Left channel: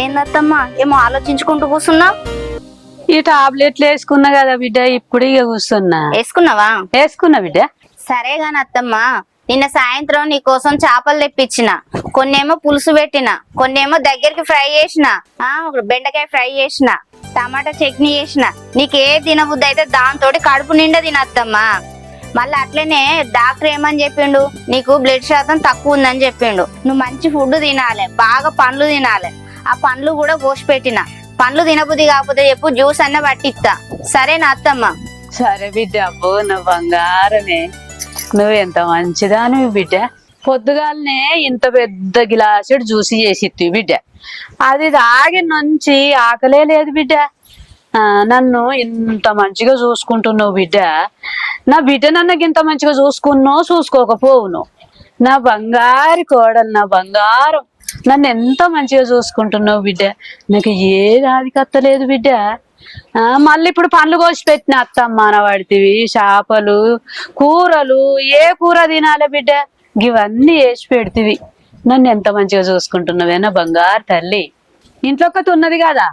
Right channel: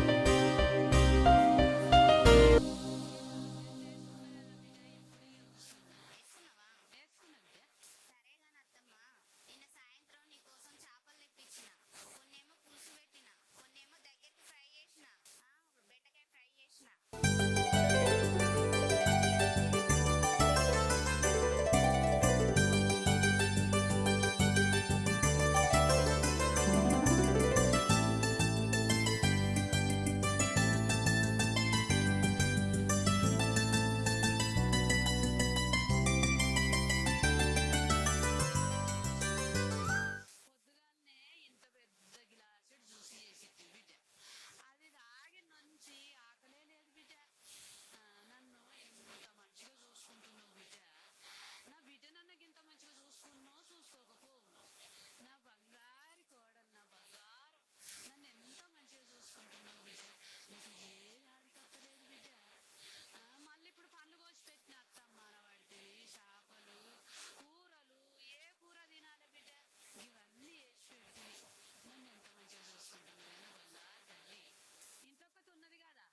ఏందత్తమ్మా ఏమో ఆలోచించుకుంటూ కూర్చున్నా? ఈ టాబ్లెట్లు వేసుకున్నా కదా బిడ్డ, ఇప్పుడు ఇక కూర్చున్నా. వేసుకున్నా బిడ్డ. సరే గాని అత్తమ్మా, నిన్న సాయంత్రం నీ కోసం చేపలు తెప్పించిన, కొన్నేమో పులుసు పెట్టిన, కొన్నేమో దగ్గరికి ఫ్రై చేసిన, బెండకాయ ఫ్రై చేసిన, టమాటా చట్నీ చేసిన. నీకే తినబుద్ధి అయితే దాంతో కడుపు నిండా తినత్తమ్మా. మళ్ళీ అట్లనే డాక్టర్ ఏమని చెప్పిండు, నీకు బ్లడ్ శాతం తక్కువ ఉందని చెప్పిండు. నువ్వు మంచి ఫుడ్ తినాలి, బాగా పండ్లు తినాలి. ఆ పండ్లు కూడా కోసి పెట్టిన. పండ్లు తినబుద్ధి కాకపోతే చెప్పు, జ్యూస్ అన్న పట్టిస్తా. సరేనా అత్తమ్మ? సరే బిడ్డ. అబ్బో నా బంగారమే, నువ్వు ఎంత మంచిదానివి బిడ్డ. పొద్దుగాలనే ఇంత పెద్ద గిలాసుడు జ్యూసి చేసి బిడ్డ, అది తాగి నుంచి ఆకలే లేదు బిడ్డ. నన్ను ఇంత మంచిగా చూసుకుంటున్నావు బిడ్డ. నా బిడ్డ నన్ను ఇంత మంచిగా చూసుకున్నావు చూసుకోకపోవును. నా బంగారు కోడలు, నా బంగారం, నన్ను ఎంత మంచిగా చూసుకుంటున్నావు బిడ్డ. నాకు ఏది ఆదికత్తలేదు బిడ్డ. మళ్ళీ ఇప్పుడు పండ్లు కోసి పెట్టిన అత్తమ్మ అనబడితివి, చేపలు, కూరలు, ఏ కూర తినాలి బిడ్డ, ఇవన్నీ వేసి పెడితివి. నన్ను ఎంత మంచిగా చూసుకుంటున్నావే నా బంగారు తల్లి. ఇంట్లో ఒకటి ఉన్నది కదా,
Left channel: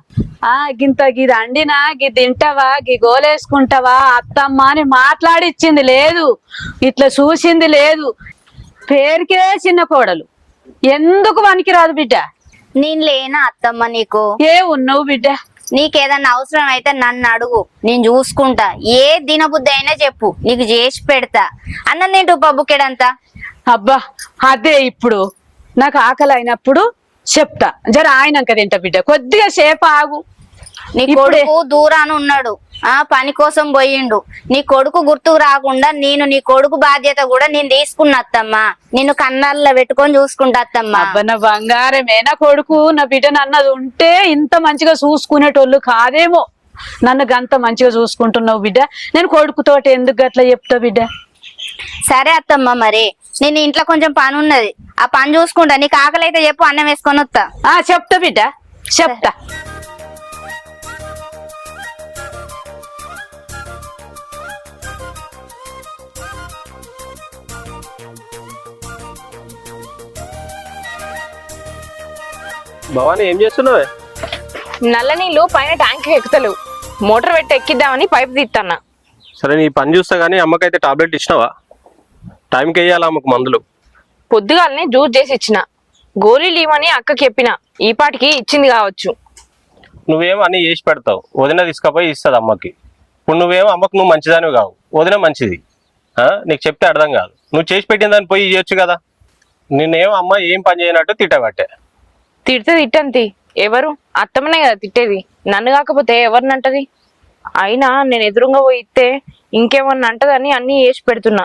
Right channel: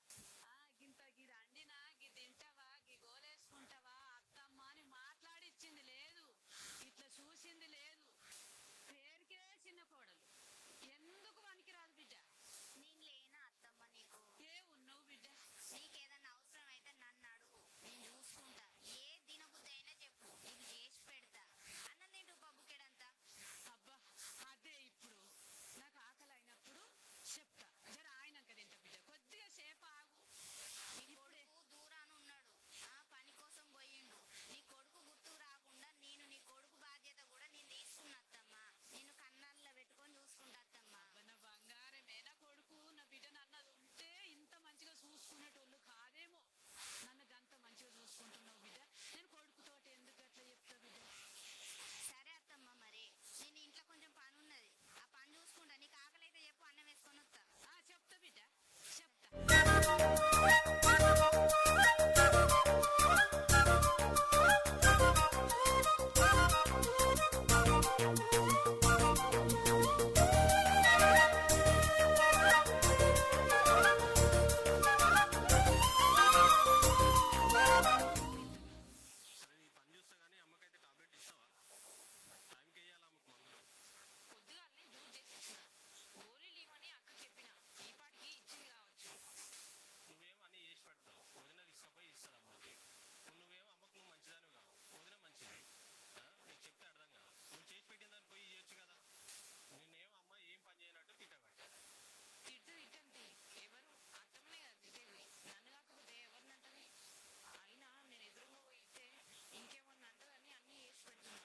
గింత గిది అండినా గి తింటావా, గి గోలేసుకుంటావా అత్తమ్మ అని మాట్లాడిచ్చింది లేదు, ఇట్లా చూసింది లేదు. పేరుకే చిన్న కోడలు, ఎందుకు పనికిరాదు బిడ్డ. నేను లేనా అత్తమ్మ నీకు? ఏ ఉన్నావు బిడ్డ? నీకేదన్నా అవసరం అయితే నన్ను అడుగు, నేను చూసుకుంటా. ఏ దినబుద్ధి అయినా చెప్పు, నీకు చేసి పెడతా. అన్నం తింటూ పబ్బుకెడంతా. అబ్బా అదే, ఇప్పుడు నాకు ఆకలి అయినప్పుడు చెప్తా, జర ఆయనంక తింటా బిడ్డ, కొద్దిగా సేపు ఆగు. నీ కొడుకు దూరాన ఉన్నాడు, పని కోసం పోయిండు. నీ కొడుకు గుర్తుకు రాకుండా నేను నీ కొడుకు బాధ్యత కూడా నేను తీసుకున్నా అత్తమ్మా. నిన్ను కన్నాల్లో పెట్టుకొని చూసుకుంటా అత్తమ్మా. అబ్బా నా బంగారమే, నా కొడుకు నా బిడ్డను అన్నది ఉంటే ఇంత మంచిగా చూసుకునేటోళ్ళు కాదేమో. నన్ను గంత మంచిగా చూసుకుంటున్నావు బిడ్డ. నేను కొడుకుతోటి ఎందుకు గట్లా చెప్తా బిడ్డ? సరే అత్తమ్మ, మరి నేను ఇంట్లో కొంచెం పని ఉన్నది, ఆ పని చూసుకుంటా. నీకు ఆకలి అయితే చెప్పు, అన్నం వేసుకొని వస్తా. చెప్తా బిడ్డ, చెప్తా. భవాని ఏం చేస్తున్నావే? నల్ల నీళ్లు పైన ట్యాంక్ ఎక్కుతలేవు, మోటార్ పెట్టి ఎక్కిద్దామని పైప్ తీస్తున్నా. సరే నీ పని చూస్తా గానీ అమ్మకైతే టాబ్లెట్ ఇచ్చినావా? టైంకి వేయాలా అమ్మకు మందులు? పొద్దుగాలని జ్యూస్ చేసి ఇచ్చిన, గోళీలు ఇవ్వని అక్కకి చెప్పిన, ఈ పాటికి ఇచ్చింది కావచ్చు. నువ్వేమో అన్ని చేసి పెడతావు, వదిన తీసుకపోయి ఇస్తుంది అమ్మకి. ఇప్పుడు నువ్వేమో అమ్మకు నువ్వు మంచిదానివి కావు, వదిన మంచిది. నీకు చెప్తే అర్థం కాదు. నువ్వు చేసి పెట్టిన దాన్ని పోయి ఇవ్వచ్చు కదా. నిన్నేమో అమ్మ ఏం పని చేయనట్టు తిట్టబట్టే. తిడితే తిట్టంతి, ఎవరు అత్తమ్మనే కదా తిట్టేది, నన్ను కాకపోతే ఎవరిని అంటది? అయినా నేను ఎదురుగా పోయి ఇస్తే ఇంకేమన్నా అంటదని అన్ని చేసి పెడుతున్నా.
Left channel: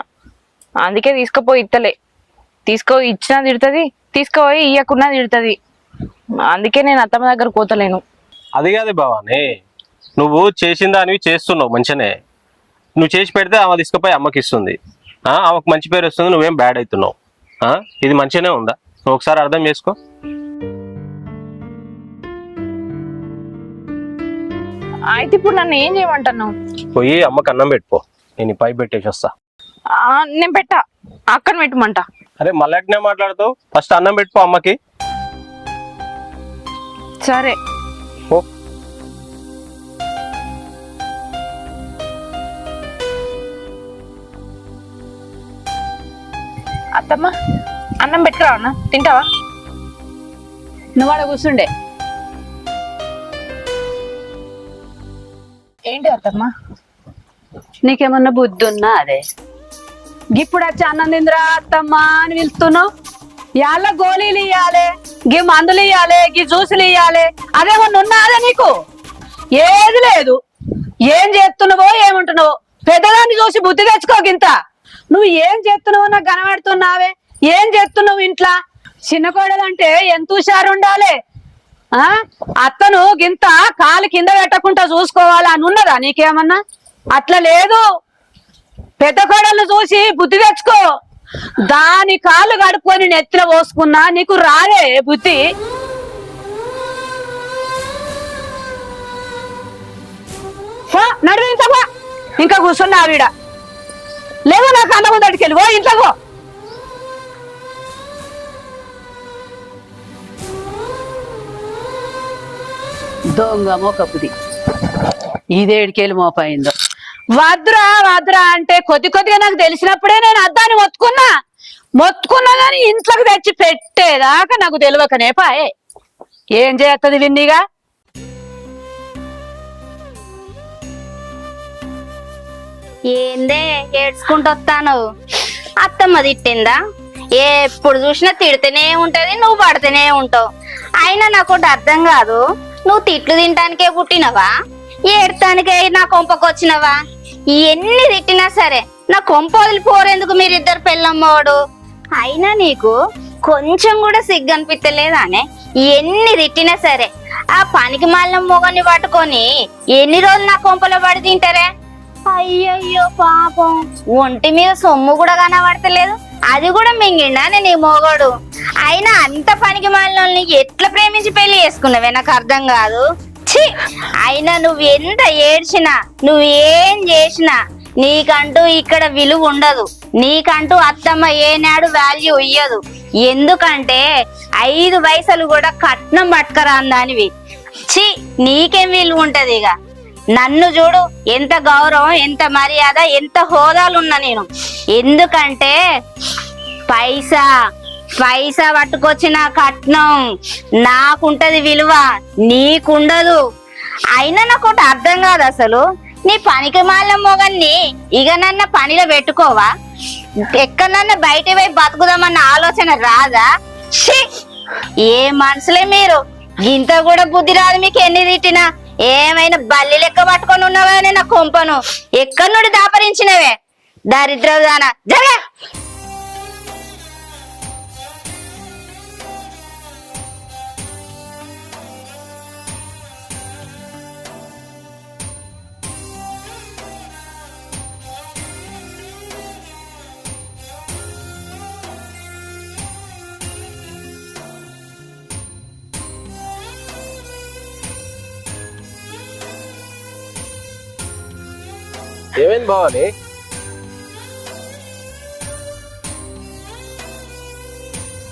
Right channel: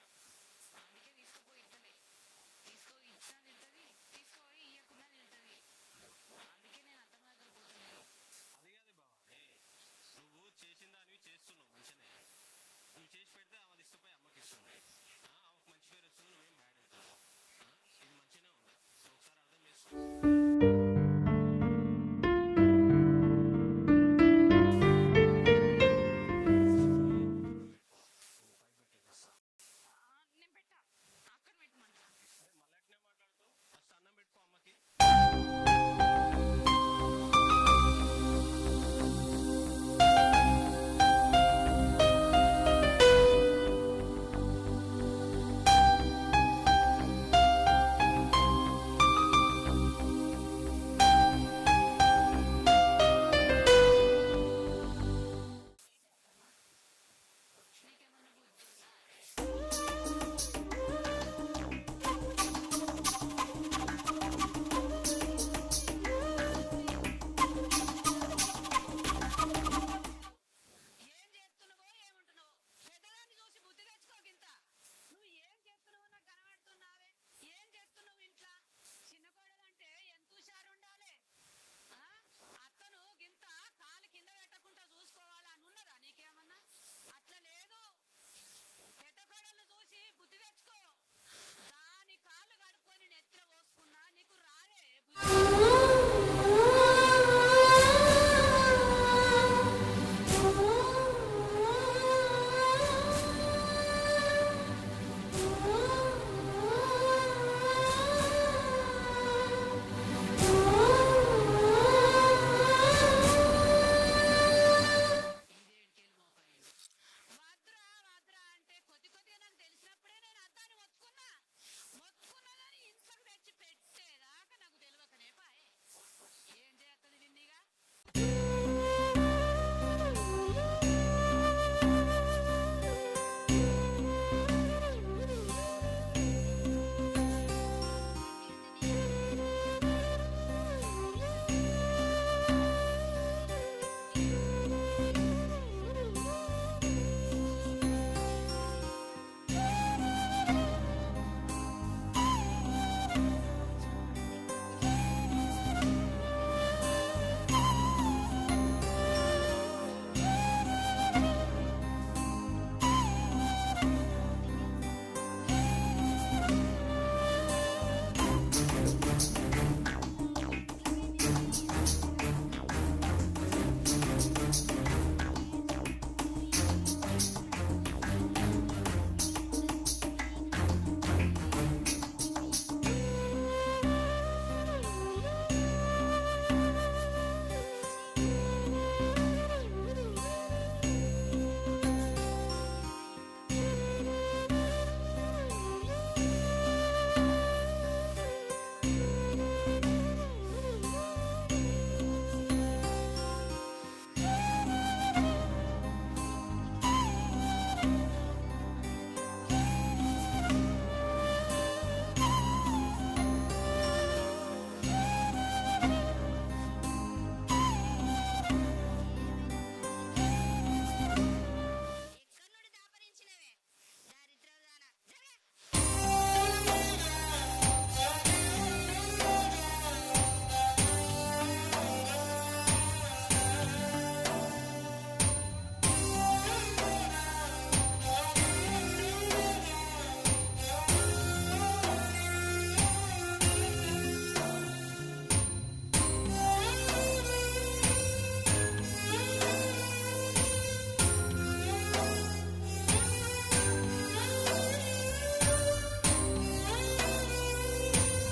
అందుకే తీసుకుపోయి ఇత్తలే. తీసుకుపోయి ఇచ్చినా తిడుతుంది, తీసుకుపోయి ఇయ్యకున్నా తిడుతుంది. అందుకే నేను అత్తమ్మ దగ్గర పోతలేను. అది కాదు భవాని, నువ్వు చేసిన దానివి చేస్తున్నావు మంచినే. నువ్వు చేసి పెడితే ఆమె తీసుకుపోయి అమ్మకి ఇస్తుంది, ఆమెకు మంచి పేరు వస్తుంది, నువ్వేం బ్యాడ్ అవుతున్నావు. ఇది మంచిగానే ఉందా? నువ్వు ఒకసారి అర్థం చేసుకో. అయితే ఇప్పుడు నన్ను ఏం చేయమంటున్నావు? పోయి అమ్మకి అన్నం పెట్టుకో, నేను పైపు పెట్టేసి వస్తా. నేను పెట్టా, అక్కడ పెట్టమంట. అరే మళ్ళీ మాట్లాడుతావు, ఫస్ట్ అన్నం పెట్టుకో అమ్మకి. సరే ఓ అత్తమ్మ, అన్నం పెట్టుకురా అన్న, తింటావా? నువ్వు అలా కూర్చుండే. ఏంటి అత్తమ్మ? నీకేమన్నా బుద్ధి ఉన్నా? అదే ఇప్పుడు వచ్చి అన్నం తిందిరా అత్తమ్మ అని పిలుస్తున్నావు. ఇవాళ గోళీలు ఇయ్యాలి, గీ మందులు ఇయ్యాలి, గీ జ్యూసులు ఇయ్యాలి, అదేమన్నా ఉన్నా? అదే నీకు ఏది లేదు. ఏం చేస్తున్నావో ఏమంటున్నావో పెద్దదాన్ని చూసి బుద్ధి తెచ్చుకోకింత. నువ్వు ఏం చేస్తున్నావో నాకు కనబడుతున్నావే. ఏం చేస్తున్నావు ఇంట్లో? చిన్న కోడలంటే ఎంత హుషారు ఉండాలి. అత్తను గింత కాలు కింద పెట్టకుండా చూసుకోవాలి అని ఉన్నదా నీకేమన్నా? అట్లా లేదు. పెద్ద కోడలను చూసి బుద్ధి తెచ్చుకో. దాని కాళ్ళు కడుక్కొని నెత్తిన పోసుకున్నా నీకు రాదే బుద్ధి. నడువు ఇంతకో, ఇంకా కూర్చున్నా ఆవిడ. లేవు నాకు అన్నం ముందటికి వెళ్ళి ఓ ఇంట్లోకో. దొంగ మొక్కపుది ఇదేడికెళ్ళి మోపైందో. వద్దురా వద్దురా అంటే కొద్దిగా నాకు తెలిసినప్పుడే నేను అద్దాన్ని మొత్తుకున్నా గాని ఇంట్లోకి తెచ్చి పెట్టేదాకా నాకు తెలియకనే పాయే. ఏం చేస్తుంది విన్నీగా? ఏందే ఏడ్చుకుంటూ వస్తాను? అత్తమ్మ తిట్టిందా? ఎప్పుడు చూసినా తిడితేనే ఉంటది, నువ్వు పడితేనే ఉంటావు. అయినా నాకు ఒకటి అర్థం కాదు, నువ్వు తిట్లు తినటానికే పుట్టినవా, ఏడటానికే నా కొంపకు వచ్చినవా? ఎన్ని తిట్టినా సరే నా కొంప వదిలిపోరేందుకు మీరిద్దరు పెళ్ళమ్మవాడు? అయినా నీకు కొంచెం కూడా సిగ్గు అనిపించలేదానే? ఎన్ని తిట్టినా సరే ఆ పనికి మాలిన మొగని పట్టుకొని ఎన్ని రోజులు నా కొంపలో పడి తింటారే? అయ్యయ్యో పాపం, ఒంటి మీద సొమ్ము కూడా కనబడతలేదు, అది కూడా మింగిండా నేను ఈ మొగడు? అయినా అంత పనికి మాలిన ఎట్లా ప్రేమించి పెళ్లి చేసుకున్నావే నాకు అర్థం కాదు. ఛీ, అయినా నువ్వు ఎంత ఏడ్చినా నువ్వేం చేసినా నీకంటూ ఇక్కడ విలువ ఉండదు. నీకంటూ అత్తమ్మ ఏనాడు వాల్యూ ఇయ్యదు. ఎందుకంటే 5 పైసలు కూడా కట్నం పట్టుకరా దానివి. ఛీ, నీకేం విలువ ఉంటది? ఇక నన్ను చూడు, ఎంత గౌరవం, ఎంత మర్యాద, ఎంత హోదాలున్నా నేను. ఎందుకంటే పైసా పట్టుకొచ్చిన కట్నం నాకుంటది విలువ, నీకుండదు. అయినా నాకు ఒకటి అర్థం కాదు, అసలు నీ పనికి మాలిన మొగన్ని ఇక నన్న పనిలో పెట్టుకోవా? ఎక్కడన్నా బయట పోయి బతుకుదామన్న ఆలోచన రాదా? ఏ మనుషులే మీరు, ఇంత కూడా బుద్ధి రాదు మీకు. ఎన్ని తిట్టినా ఏమైనా బల్లి లెక్క పట్టుకొని ఉన్నావా నా కొంపను? ఎక్కడి నుండి దాపరించినవే దరిద్రదానా? జగ ఏమైంది బావాలి?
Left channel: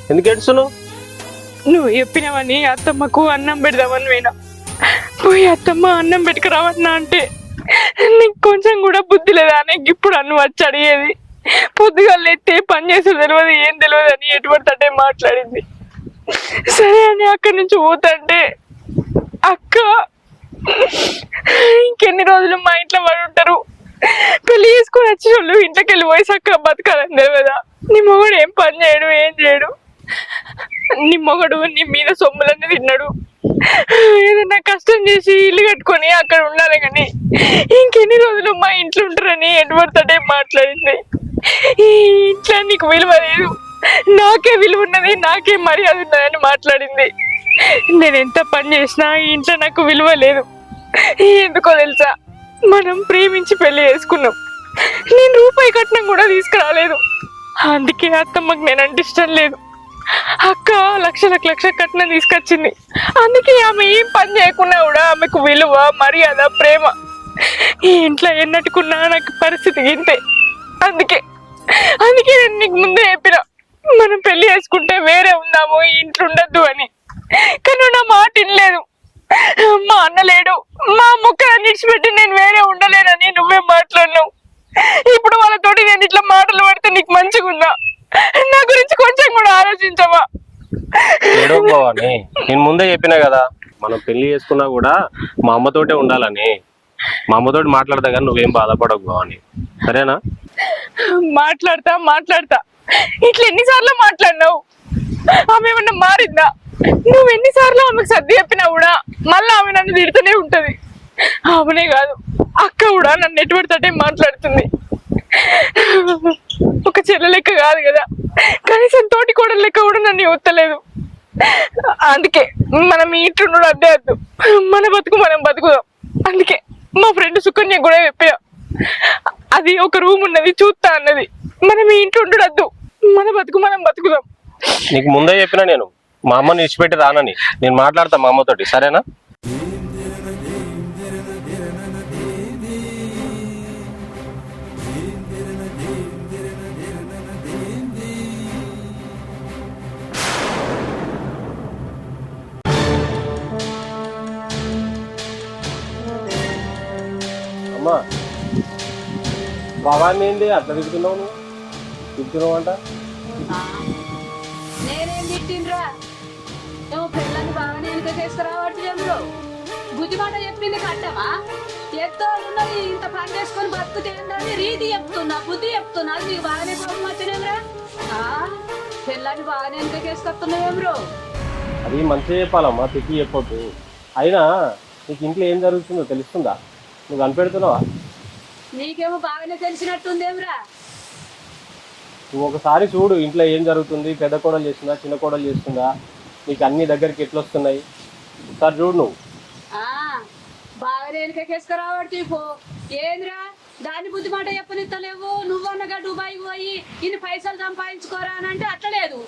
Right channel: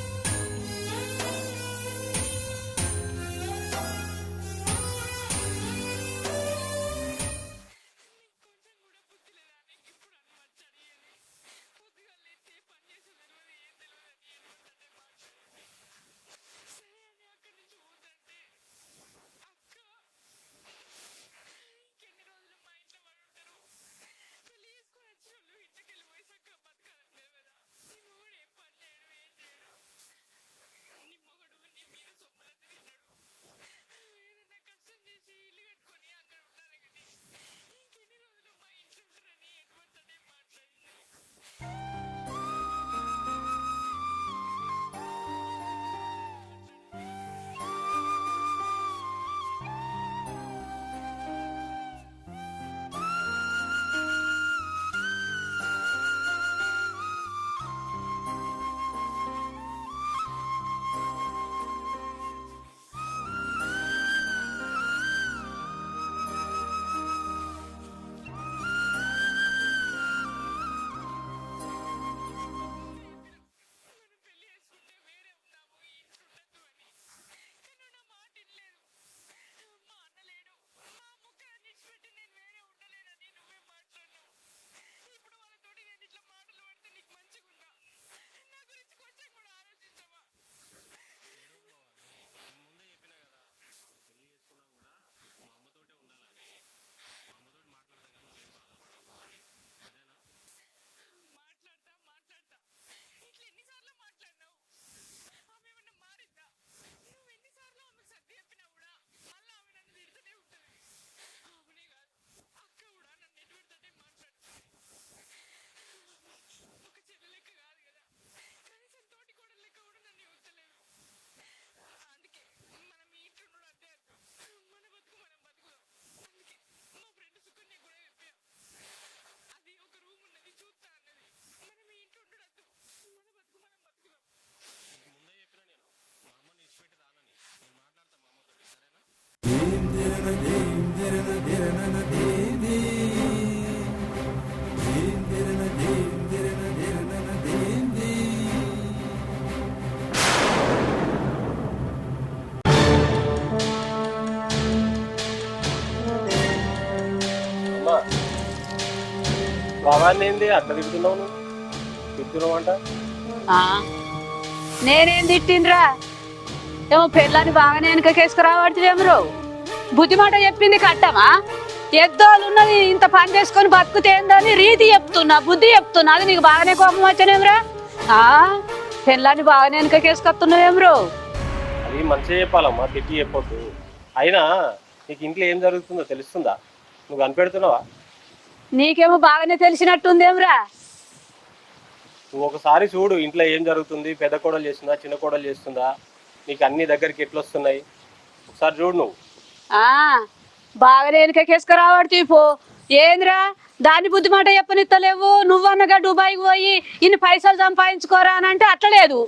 ఎందుకు ఏడుస్తున్నావు? నువ్వు చెప్పినవని అత్తమ్మకు అన్నం పెడదామని పోయినా. పోయి అత్తమ్మ అన్నం పెట్టుకురావన్నా అంటే నీకు కొంచెం కూడా బుద్ధి లేదా అని ఇప్పుడు అన్ను వచ్చి అడిగేది. పొద్దుగాలు ఎత్తే పని చేసే తెలియదు, ఏం తెలియదు అని ఎటువంటి మాట్లాడింది. సరే అని అక్కడి నుంచి పోతుంటే అక్క ఇంకెన్ని రోజులు మా ఇంట్లో పడి ఉంటారు, పెళ్లి చేసుకుని వచ్చిన వాళ్ళు ఇంట్లోకి వెళ్ళి పోయి చక్కగా బతకాలని తెలియదా? నీ మొగడు ఏం పని చేయడు, ఏం చేయడు. నీ మొగడు నీ మీద సొమ్ములన్నీ తిన్నాడు. ఏదన్నా కష్టం చేసి ఇల్లు కట్టుకొని అక్కడ ఉండాలి, కానీ ఇంకెన్ని రోజులు మా ఇంట్లో ఉంటారని ఎటువంటి మాట్లాడింది. ఈ ఇంట్లో నీకు విలువ లేదు, నాకే విలువ ఉన్నది, నాకే మర్యాద ఉన్నదని మాట్లాడింది. నేను ఎంత పని చేసినా ఈ ఇంట్లో నాకు విలువ లేదు. ఎందుకో తెలుసా? మనం ప్రేమించి పెళ్లి చేసుకున్నాం, నేను రూపాయి కట్నం కూడా తీసుకురాలేదు. అందుకే అత్తమ్మకి నేనంటే ఇష్టం లేదు. అక్క లక్ష కట్నం తీసుకొచ్చింది, అందుకే ఆమె ఏం పని చేయకున్నా కూడా ఆమెకు విలువ, మర్యాద, ప్రేమ. ఈ ఇంట్లో ఎన్నట్టుకున్నా నాకు పరిస్థితి ఇంతే. అందుకే నేను నీకు ముందే చెప్పిన, మనం పెళ్లి చేసుకుంటే వేరే ఉందాము, ఈ ఇంట్లో ఉండద్దు అని. కానీ నా మాట వినలేదు. మా అన్న లేడు, మా ముక్కని విడిచిపెట్టి నేను వేరే ఉండలేనని నువ్వే మాట్లాడినావు. ఇప్పుడు వాళ్ళతోటి నేను ఇట్లా మాటలు పడితే నీకు మంచిగా ఉందా? నా గురించి కొంచెం కూడా ఆలోచించవా? నేను ముందే చెప్పినా కదా, మనం పెళ్లి చేసుకున్నా కూడా మా అమ్మతోటే ఉండాలని. మా అమ్మతోటి మాట్లాడతా కానీ నువ్వేం బాధపడకు అని, సరేనా? మాట్లాడతా ఇట్లా ఎన్నిసార్లు మాట్లాడినావు? ఆమె ఏమన్నా మారిందా? నువ్వు ఎన్నిసార్లు ఆమెకు సర్ది చెప్పినా కూడా మళ్ళీ ఆమె నన్ను తిడుతూనే ఉంటది. ఆమెనే కాదు, అక్క కూడా నన్ను ఎటువంటి మాట్లాడుతుంది. ఒక చెల్ల లెక్క కాదు కదా, కనీసం తోటి కోడల లెక్క కూడా నన్ను ఇవ్వలేదు. అందుకే మనం ఈ ఇంట్లో అద్దే వద్దు, మన బతుకు మనం బతుకుదాం. అందుకే మా ఫ్రెండ్ సుకన్య కూడా చెప్పా, అది ఒక రూమ్ ఉన్నది చూస్తా అన్నది. మనం ఈ ఇంట్లో ఉండొద్దు, మన బతుకు మనం బతుకుదాం. నీకు ముందే చెప్పినా నేను, మా అమ్మని విడిచిపెట్టి రానని. నేను మాట్లాడతా మా అమ్మతోటి, సరేనా? అమ్మా బాగానే ఏంది అట్లా తింటున్నావు తింటున్నావు అంట నేనేం తిట్టిండ్రా ఏమో పెళ్ళని బాగానే వెనుకకేసుకురావట్లేమరు బుద్ధి మాట చెప్పింది కట్టమా ఎద్దోళ్ళు ఉన్నది ఇంత పని చేసుకొని బతుకుతేందని రీతి చెప్తున్నా బుద్ధి చెప్తున్నా అది నీకు బాగానే కోపం వచ్చానేమ్రా పెళ్ళాన్ని బాగానే వెనుకకేసుకొస్తున్నాయేమ్రో అది మంచిగా చెప్పాలమ్మా తిట్టి చెప్పొద్దు. అయినా నీకు ఇంట్లో ఏం జరుగుతుందో తెలుస్తుందా? నువ్వు కనిపెడుతున్నావా? నీకేమో బాగానే తెలిసినట్టుందేమ్రా. నువ్వు ఒకసారి చూడు ఇంట్లో ఏం జరుగుతుంది, పెద్ద కోడలు చేస్తుందా చిన్న కోడలు చేస్తుందా, నీకు అన్ని దగ్గరికి ఎట్లా వస్తున్నాయి ఒకసారి చూడు నువ్వు. బాగానే వెనుకకేసుకురావడుతీ పో. ఏంద్రా దాని బుద్ధి మాట చెప్పనిస్తలేవు. నువ్వన్నగా దుబాయ్కి పోయి ఇన్ని పైసలు సంపాదించుకోరా అని అంటే అట్లా లేదు.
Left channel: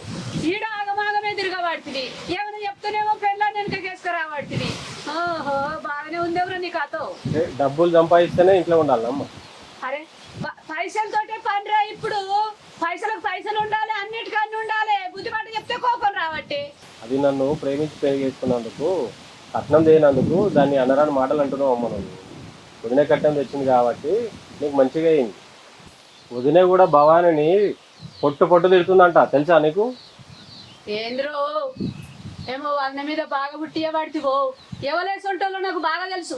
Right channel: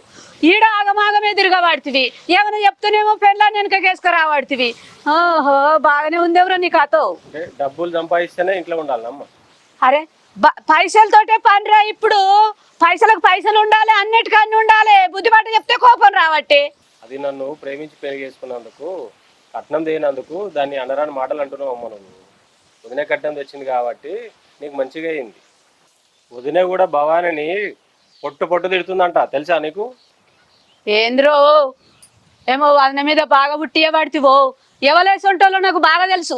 ఈడ ఆగమాగమే తిరగబడుతుంది. ఏమైనా చెప్తూనేమో పెళ్ళాన్ని వెనుకకేసుకురావడుతుంది. ఓహో బాగానే ఉందేవరా నీ కథ. డబ్బులు సంపాదిస్తేనే ఇంట్లో ఉండాలమ్మా. అరే పైసలతోటే పనిరా. ఇప్పుడు పైసలకు పైసలు ఉండాలి, అన్నిటికన్నీ ఉండాలి. బుద్ధి మాట చెప్తే కోపం రావట్టి. అది నన్ను ప్రేమించి పెళ్లి చేసుకున్నందుకు, కట్నం చేయనందుకు దాన్ని అనరాని మాటలు అంటున్నావు అమ్మ. నువ్వు వదిన కట్నం తెచ్చింది కాబట్టి నీకు మంచిగా అయింది. వదిన కూడా భవానిని పొట్టు తిడుతుందంట, తెలుసా నీకు? ఏంద్రో ఏమో వదిన మీద బాగా బుట్టియ పడితివో. ఎవలేసి ఉంటాలో నాకు బాగా తెలుసు.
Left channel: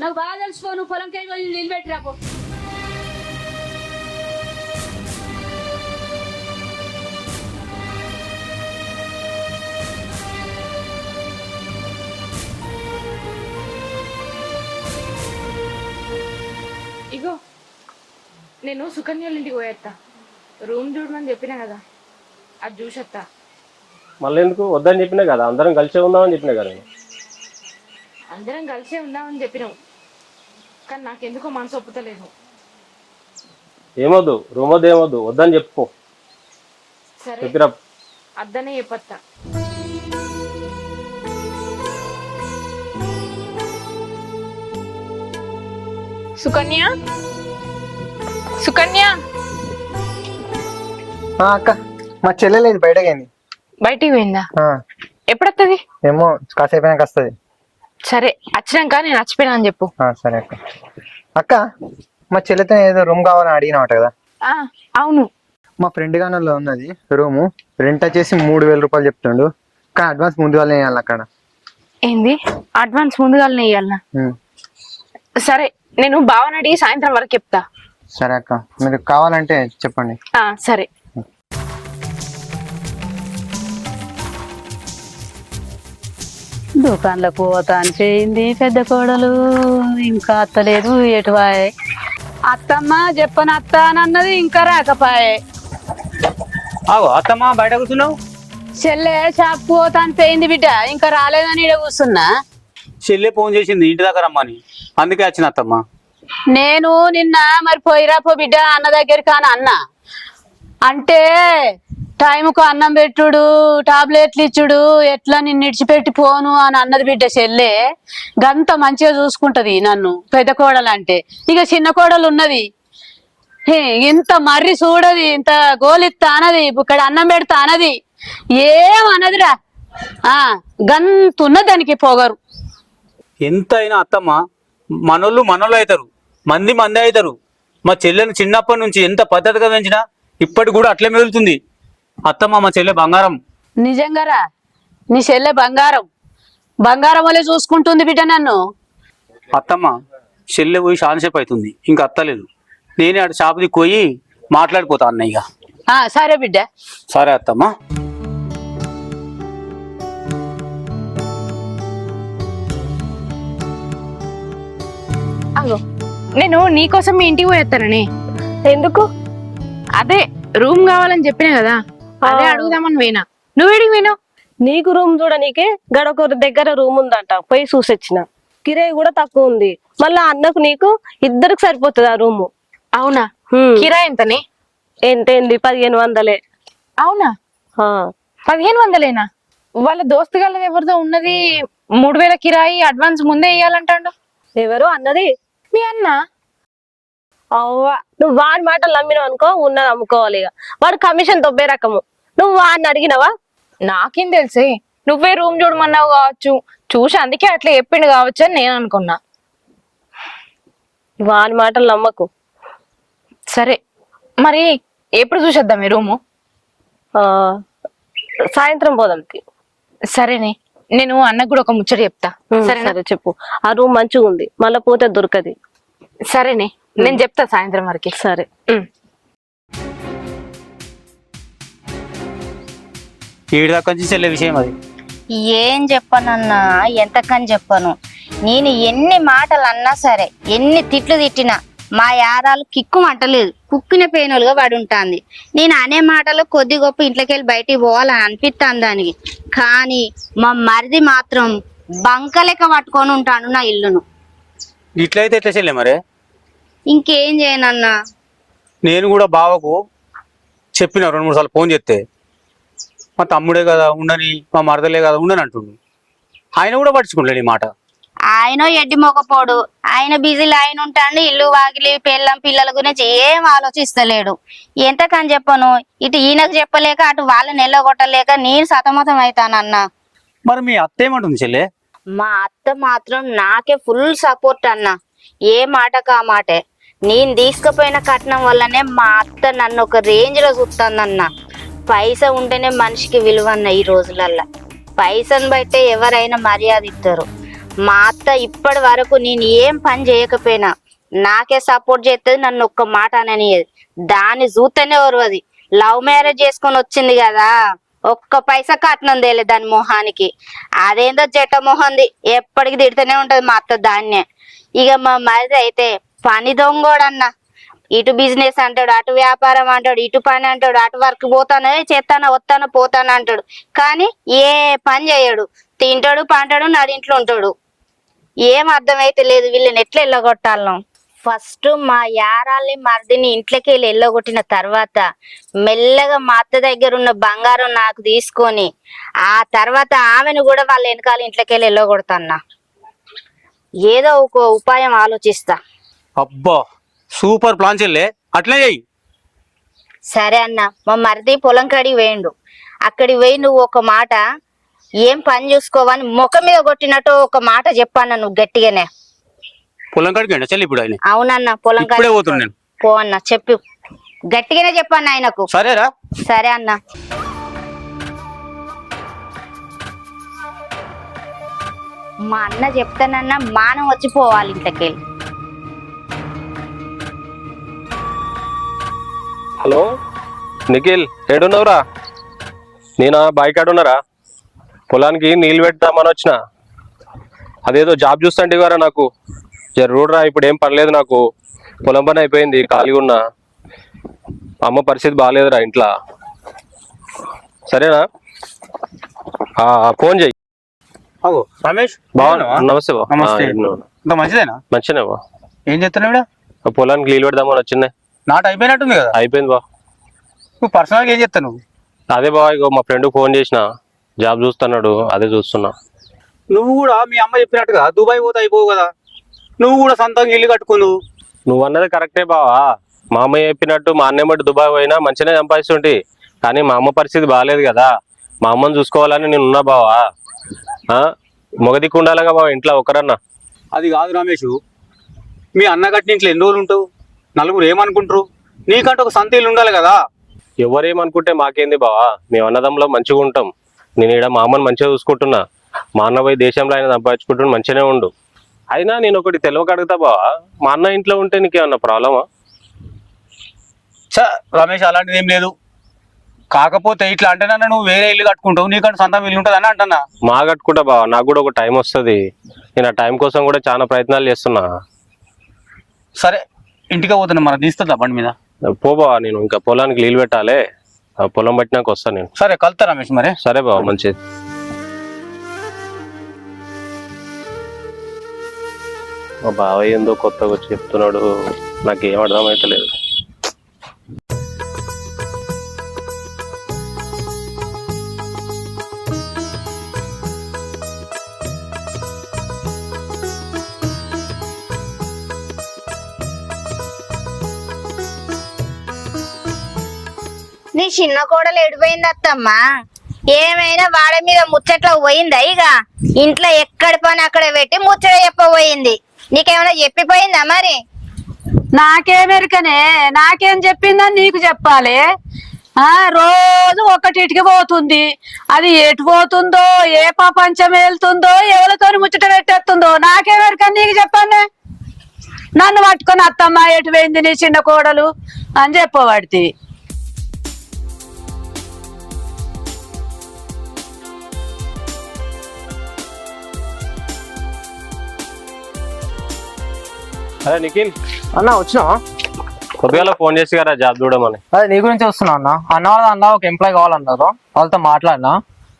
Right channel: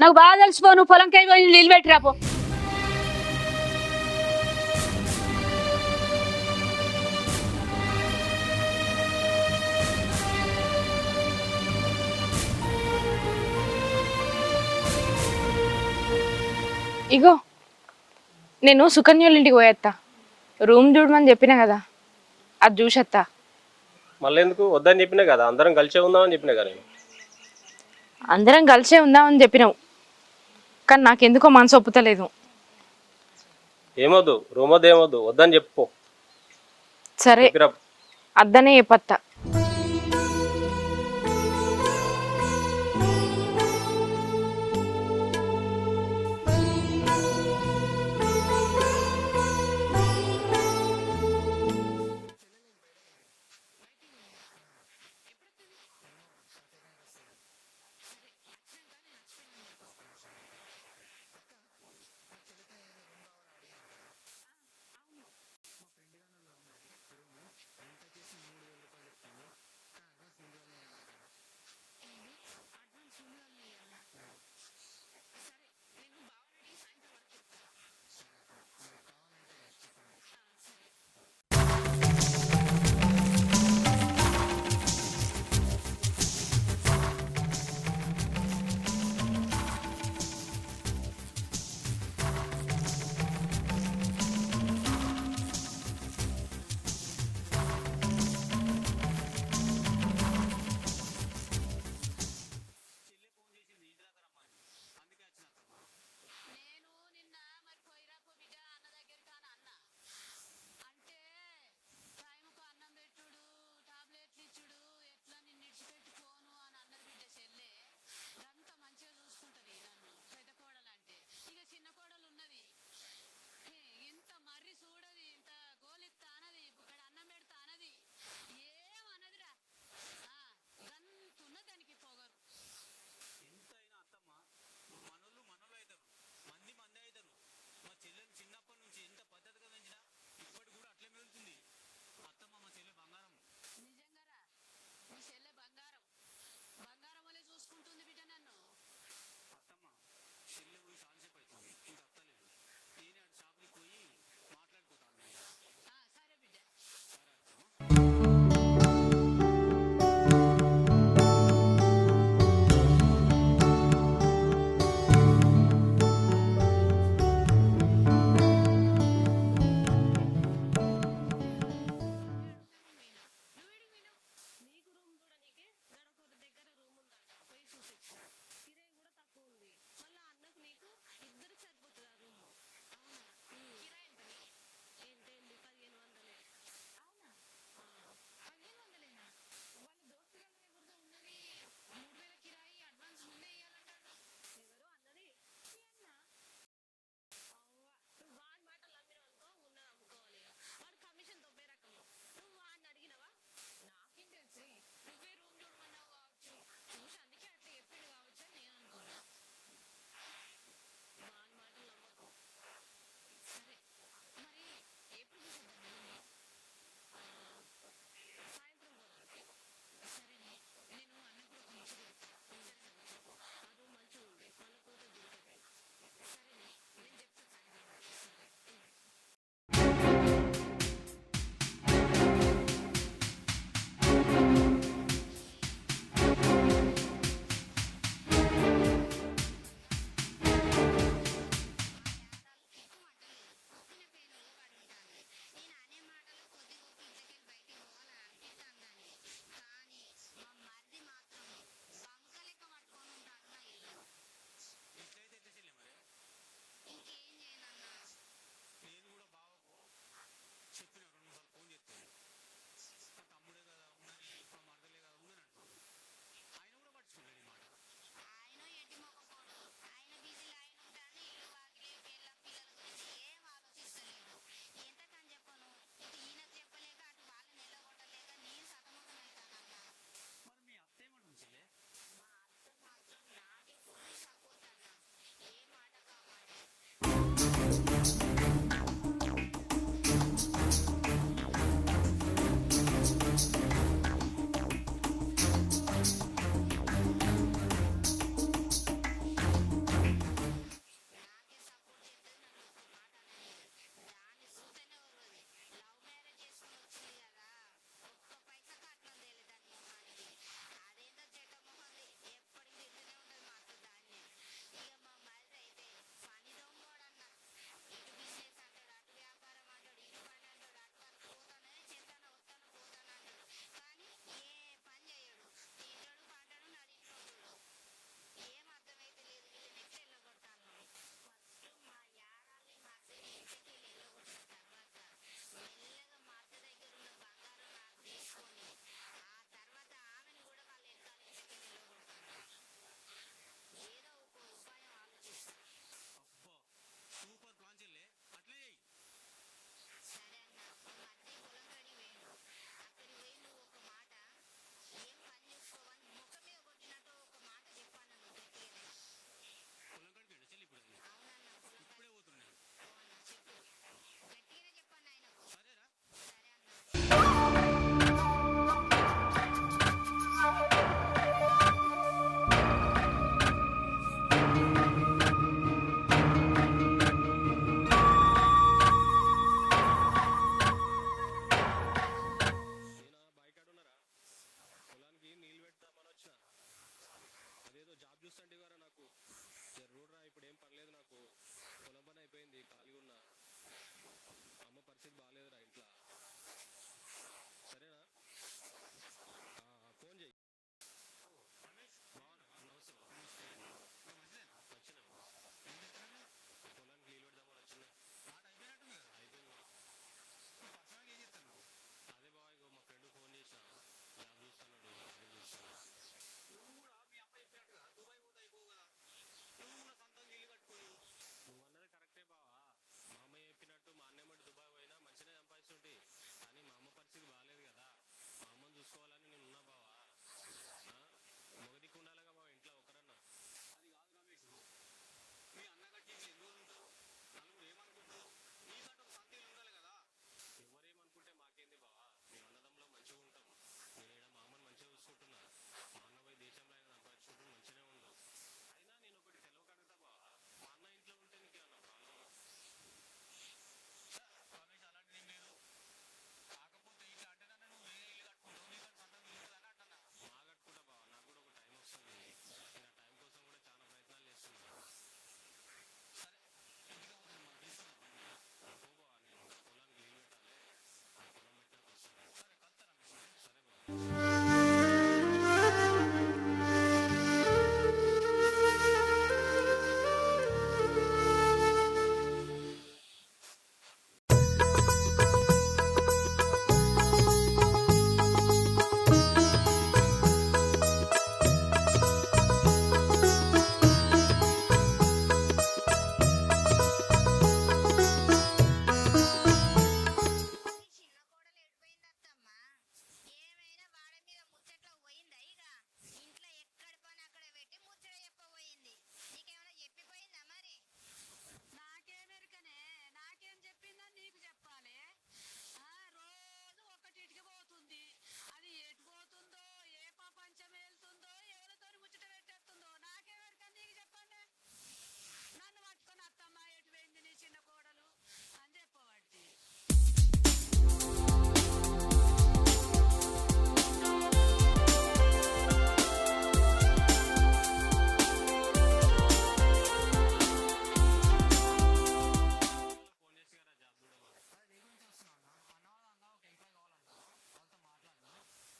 నాకు బాగా తెలిసిపో. నువ్వు పొలంకై పోయి నీళ్ళు పెట్టిరాపో. ఇగో నేను సుకన్యోళ్ళ ఇంటికి పోయేస్తా. రూమ్ చూడమని చెప్పినా కదా, అది చూసేస్తా. మళ్ళీ ఎందుకు వద్దని చెప్పినా కదా, అందరం కలిసే ఉందామని చెప్పినా కదా. అందరం కలిసే ఉందామని చెప్పినావు, కానీ నాకెందుకో మనసు ఒప్పుతలేదు. ఏమొద్దు రూమ్ వద్దు, ఏమొద్దు, వద్దని చెప్పుకో. సరే అద్దనే చెప్పత్తా. సుకన్య, సుకన్య. అక్క మా చెల్లెలేదు బయటకైంది. బయటికి పోయిందా? ఎప్పుడొస్తుంది? ఏమో కాసేపు అయినాక వస్తుంది. సరే వచ్చినాక నేను వచ్చిపోయినా అని చెప్పు. సరే అక్క. అక్క మా చెల్లెతో ఏదో రూమ్ కావాలని అడిగినావట కదా. అవును, మా ఫ్రెండ్ గానలో ఉన్నది రూము. రెంట్ వచ్చేసి 3,000 రూపాయలు చెప్తుండు, కానీ అడ్వాన్స్ ముందుగానే వేయాలి అక్కడ. ఏంది అడ్వాన్స్ ముందుగానే వేయాలనా? సరే నేను బావని అడిగి సాయంత్రం వరకు చెప్తా. సరే అక్క, మీరు కావాలంటే చెప్పండి. సరే. దుకాణంలోకి పోతా అని చేయింది పెద్ద కోడలు, ఇంకా అత్తలేదు. ఎటువాయే అత్తమ్మ చెప్పని అత్త అని అన్నది, ఇంకా రాకపాయే. అత్తమ్మ బయట కూర్చున్నావు? చెల్లె షాప్ పోతా అని చేయింది బిడ్డ, ఇంకా రాలేదని ఈడ కూర్చున్నా. చెల్లె ఫోన్ చేసింది ఇంటి దగ్గర రమ్మని, అందుకే వచ్చిన అత్తమ్మ. నేను నిన్న మరి పోయిరా పో బిడ్డ అన్న దగ్గరికి అని అన్నా. అంటే టైంకు అన్నం పెట్టుడు, టాబ్లెట్లు ఇచ్చుడు, ఎట్లా నిన్ను ఇడిచిపెట్టి పోను అని అన్నది బిడ్డ చెల్లె. గంత మంచిగా చూసుకుంటది నన్ను పెద్ద కోడలు అంటే. ఇక చిన్న కోడలు ఉన్నది, ఇంత మర్రి చూడది, ఇంత గోలిత్తా అనది, ఇక్కడ అన్నం పెడతా అనది, ఏమన్నదిరా. గంతున్న దానికి పొగరు. ఎంత అయినా అత్తమ్మ మనోళ్ళు అవుతారు, మంది అవుతారు. మా చెల్లెని చిన్నప్పటి నుంచి ఎంత పద్ధతిగా పెంచినా ఇప్పటికి కూడా అట్లే మెదులుతుంది. అత్తమ్మ మా చెల్లె బంగారం. నిజంగారా, నీ చెల్లె బంగారం. బంగారం వల్లే చూసుకుంటుంది బిడ్డ నన్ను. అత్తమ్మ చెల్లె పోయి షాన్సేపు అవుతుంది, ఇంకా అత్తలేదు. నేనే అటు షాపుకి పోయి మాట్లాడిపోతా అన్నయ్య. సరే బిడ్డ. సరే అత్తమ్మ. నేను నీకోసం మీ ఇంటికి పోయేస్తానని. ఎందుకు? అదే రూమ్ కావాలని చెప్పినా కదా, అదే అడుగుదామని పోయినా. నువ్వేడికి పోయినావు? నీకు రూమ్ చూడనీకే గడొక దగ్గర రూమ్ ఉందంట, పోయి చూసొచ్చిన. కిరాయి కూడా తక్కువ ఉంది. మళ్ళా అన్నకు నీకు ఇద్దరికి సరిపోతుంది ఆ రూము. అవునా? కిరాయి ఎంతని? ఏంటేంది 1500. అవునా? 1500 వాళ్ళ దోస్తు గల్లది ఎవరిదో ఉన్నది 3000 కిరాయి అడ్వాన్స్ ముందే ఇయ్యాలంటాడు. ఎవరు అన్నది? మీ అన్న. అవ్వా, నువ్వు వాడి మాటలు నమ్మినావు అనుకో, ఉన్నది అమ్ముకోవాలి. ఇక వాడు కమిషన్ దొబ్బే రకము. నువ్వు వాడిని అడిగినావా? నాకేం తెలిసే, నువ్వే రూమ్ చూడమన్నావు కావచ్చు, చూసి అందుకే అట్లా చెప్పిండు కావచ్చు అని నేను అనుకున్నా. వాని మాటలు నమ్మకు. సరే మరి ఎప్పుడు చూసేద్దాం ఈ రూము? ఆ సాయంత్రం పోదాం. సరేనే, నేను అన్నకు కూడా ఒక ముచ్చట చెప్తా. సరేనా? సరే చెప్పు. ఆ రూమ్ మంచిగా ఉంది, మళ్ళా పోతే దొరకది. సరేనే, నేను చెప్తా సాయంత్రం వరకు. సరే. ఏడు దాకా నుంచి చెల్లె విషయం అది. ఏం చెప్పనన్నా, ఎంతకని చెప్పను. నేను ఎన్ని మాటలు అన్నా సరే, ఎన్ని తిట్లు తిట్టినా మా యారాలు కిక్కు మంటలేదు, కుక్కిన పేనులుగా పడి ఉంటుంది. నేను అనే మాటలు కొద్ది గొప్ప ఇంట్లోకి వెళ్ళి బయటికి పోవాలని అనిపిస్తాను దానికి. కానీ మా మరిది మాత్రం బంకలెక్క పట్టుకొని ఉంటాను నా ఇల్లును. ఇట్లయితే ఎట్లా చెల్లె మరి? ఇంకేం చేయనన్నా. నేను కూడా బావకు చెప్పిన 2-3 సార్లు ఫోన్ చేస్తే, మా తమ్ముడే కదా ఉండని, మా మరదలే కదా ఉండని అంటుండు. ఆయన కూడా పట్టించుకోలేడు ఈ మాట. ఆయన ఎడ్డి మొగపోడు, ఆయన బిజీలో ఆయన ఉంటాడు. ఇల్లు వాకిలి పిల్లం పిల్లల గురించి ఏం ఆలోచిస్తలేడు. ఎంతకని చెప్పను, ఇటు ఈయనకు చెప్పలేక అటు వాళ్ళని ఎల్లగొట్టలేక నేను సతమతం అవుతానన్నా. మరి మీ అత్త ఏమంటుంది చెల్లె? మా అత్త మాత్రం నాకే ఫుల్ సపోర్ట్ అన్న. ఏ మాటకు ఆ మాటే. నేను తీసుకుపోయిన కట్నం వల్లనే మా అత్త నన్ను ఒక రేంజ్ లో చూస్తానన్న. పైసా ఉంటేనే మనిషికి విలువ అన్న ఈ రోజులల్లా. పైసను బట్టే ఎవరైనా మర్యాద ఇస్తారు. మా అత్త ఇప్పటి వరకు నేను ఏం పని చేయకపోయినా నాకే సపోర్ట్ చేస్తుంది, నన్ను ఒక్క మాట అననియదు. దాన్ని చూస్తేనే ఓర్వది. లవ్ మ్యారేజ్ చేసుకొని వచ్చింది కదా, ఒక్క పైసా కట్నం తేలే దాని మొహానికి. అదేందో జట్ట మొహంది, ఎప్పటికి తిడుతూనే ఉంటది మా అత్త దాన్నే. ఇక మా మరిది అయితే పని దొంగోడన్న. ఇటు బిజినెస్ అంటాడు, అటు వ్యాపారం అంటాడు, ఇటు పని అంటాడు, అటు వర్క్ పోతాను, చేస్తాను వస్తాను పోతాను అంటాడు. కానీ ఏ పని చేయడు. తింటాడు పంటాడు, నడింట్లో ఉంటాడు. ఏం అర్థమైతే లేదు వీళ్ళని ఎట్లా ఎల్లగొట్టాలను. ఫస్ట్ మా యారాల్ని మరిదిని ఇంట్లోకి వెళ్ళి ఎల్లగొట్టిన తర్వాత మెల్లగా మా అత్త దగ్గర ఉన్న బంగారం నాకు తీసుకొని ఆ తర్వాత ఆమెను కూడా వాళ్ళ వెనకాల ఇంట్లోకి వెళ్ళి ఎల్లగొడతాన్నా. ఏదో ఒక ఉపాయం ఆలోచిస్తా. అబ్బా సూపర్ ప్లాన్ చెల్లె, అట్లే చెయ్యి. సరే అన్న. మా మరిది పొలం కాడికి వేయండు. అక్కడికి పోయి నువ్వు ఒక మాట, ఏం పని చూసుకోవని ముఖం మీద కొట్టినట్టు ఒక మాట చెప్పాను నువ్వు గట్టిగానే. పొలం కాడికి వెళ్ళా చెల్లి ఇప్పుడు ఆయన? అవునన్న, పొలం ఇప్పుడే పోతున్నా నేను. పో అన్న, చెప్పు గట్టిగానే చెప్పాను ఆయనకు. సరేరా? సరే అన్న. మా అన్న చెప్తానన్నా మానం వచ్చిపోవాలి ఇంతకి. హలో నిఖిల్, ఏడున్నావురా? నేనా బాయికాడున్నారా? పొలానికి నీళ్ళు పెడతామని వచ్చిన. అదేదో జాబ్ చూస్తుంటే వారా నాకు జర్రూడరా. ఇప్పుడు ఏం పనిలేదు నాకు, పొలం పని అయిపోయింది, ఖాళీగా ఉన్నా. అమ్మ పరిస్థితి బాగాలేదురా ఇంట్లో. సరేనా? ఫోన్ చెయ్యి. రమేష్ నమస్తే బా. నమస్తే. మంచిదేనా? మంచినే బా. ఏం చెప్తున్నావు? పొలానికి నీళ్ళు పెడదామని వచ్చింది. నాట అయిపోయినట్టుంది కదా? అయిపోయింది బా. నువ్వు పర్సనల్గా ఏం చెప్తావు? అదే బా, ఇగో మా ఫ్రెండ్ ఫోన్ చేసిన, జాబ్ చూస్తున్నాడు, అదే చూస్తున్నా. నువ్వు కూడా మీ అమ్మ చెప్పినట్టుగా దుబాయ్ పోతే అయిపోవు కదా? నువ్వు కూడా సొంతంగా ఇల్లు కట్టుకుందు. నువ్వు అన్నది కరెక్టే బావా. మా అమ్మ చెప్పినట్టు మా అన్నయ్య బట్టి దుబాయ్ పోయినా మంచిగానే సంపాదిస్తుంటే, కానీ మా అమ్మ పరిస్థితి బాగాలేదు కదా. మా అమ్మని చూసుకోవాలని నేను ఉన్నా బావా. మొగదిక్కు ఉండాలిగా బావ ఇంట్లో ఒకరన్నా. అది కాదు రమేష్, మీ అన్న కట్టిన ఇంట్లో ఎన్ని రోజులు ఉంటావు? నలుగురు ఏమనుకుంటారు? నీకంటే ఒక సొంత ఇల్లు ఉండాలి కదా. ఎవరేమనుకుంటే మాకేంది బావా, మేము అన్నదంలో మంచిగా ఉంటాం. నేను ఇక్కడ మా అమ్మని మంచిగా చూసుకుంటున్నా, మా అన్న పోయి దేశంలో ఆయన సంపాదించుకుంటున్నా, మంచిగానే ఉండు. అయినా నేను ఒకటి తెలియక అడుగుతా బావా, మా అన్న ఇంట్లో ఉంటే నీకేమన్నా ప్రాబ్లమా? రమేష్ అలాంటిది ఏం లేదు. కాకపోతే ఇట్లా అంటేనన్నా నువ్వు వేరే ఇల్లు కట్టుకుంటావు, నీకంటే సొంతం ఇల్లు ఉంటుంది అని అంటున్నా. మా కట్టుకుంటా బావా, నాకు కూడా ఒక టైం వస్తుంది. నేను ఆ టైం కోసం కూడా చాలా ప్రయత్నాలు చేస్తున్నా. సరే ఇంటికి పోతున్నా, మనం తీస్తుందా బండి మీద? పో బావా, నేను ఇంకా పొలానికి నీళ్ళు పెట్టాలి. పొలం పట్టినాక వస్తాను నేను. సరే కలుతా రమేష్ మరి. సరే బావా, మంచిది. మా బావ ఏందో కొత్తగా వచ్చి చెప్తున్నాడు, నాకేం అర్థమైతలేదు. నీ చిన్న కోడలు ఎడిపోయింది అత్తమ్మ. ఏమైనా వాడ మీద ముచ్చట్లో పోయిందా? ఇక ఇంట్లో ఎక్కడి పని అక్కడ పెట్టి ముచ్చట చెప్పబోయింది. నీకేమైనా చెప్పిపోయిందా మరి? నాకేమెరికనే నాకేం చెప్పిందని నీకు చెప్పాలి. రోజు ఒకటిటికి పోతుంది. అది ఎటు పోతుందో, ఏ ప్రపంచం వెళ్తుందో, ఎవరితో ముచ్చట పెట్టేస్తుందో నాకేమెరికని నీకు చెప్పానే. నన్ను పట్టుకొని అత్తమ్మ ఎటు పోయింది నీ చిన్న కోడలు అని చెప్పబడితే. అదే నిఖిల్, అన్న వచ్చినావా? కొద్దిగా ఫోన్ చేసి కదా జాబ్ చూడమని. అదే నీ గురించి వస్తున్నా అన్న. అన్న వాళ్ళ అన్న ఒక ఎంప్లాయ్ కావాలన్నారు, వాళ్ళతో మాట్లాడినా.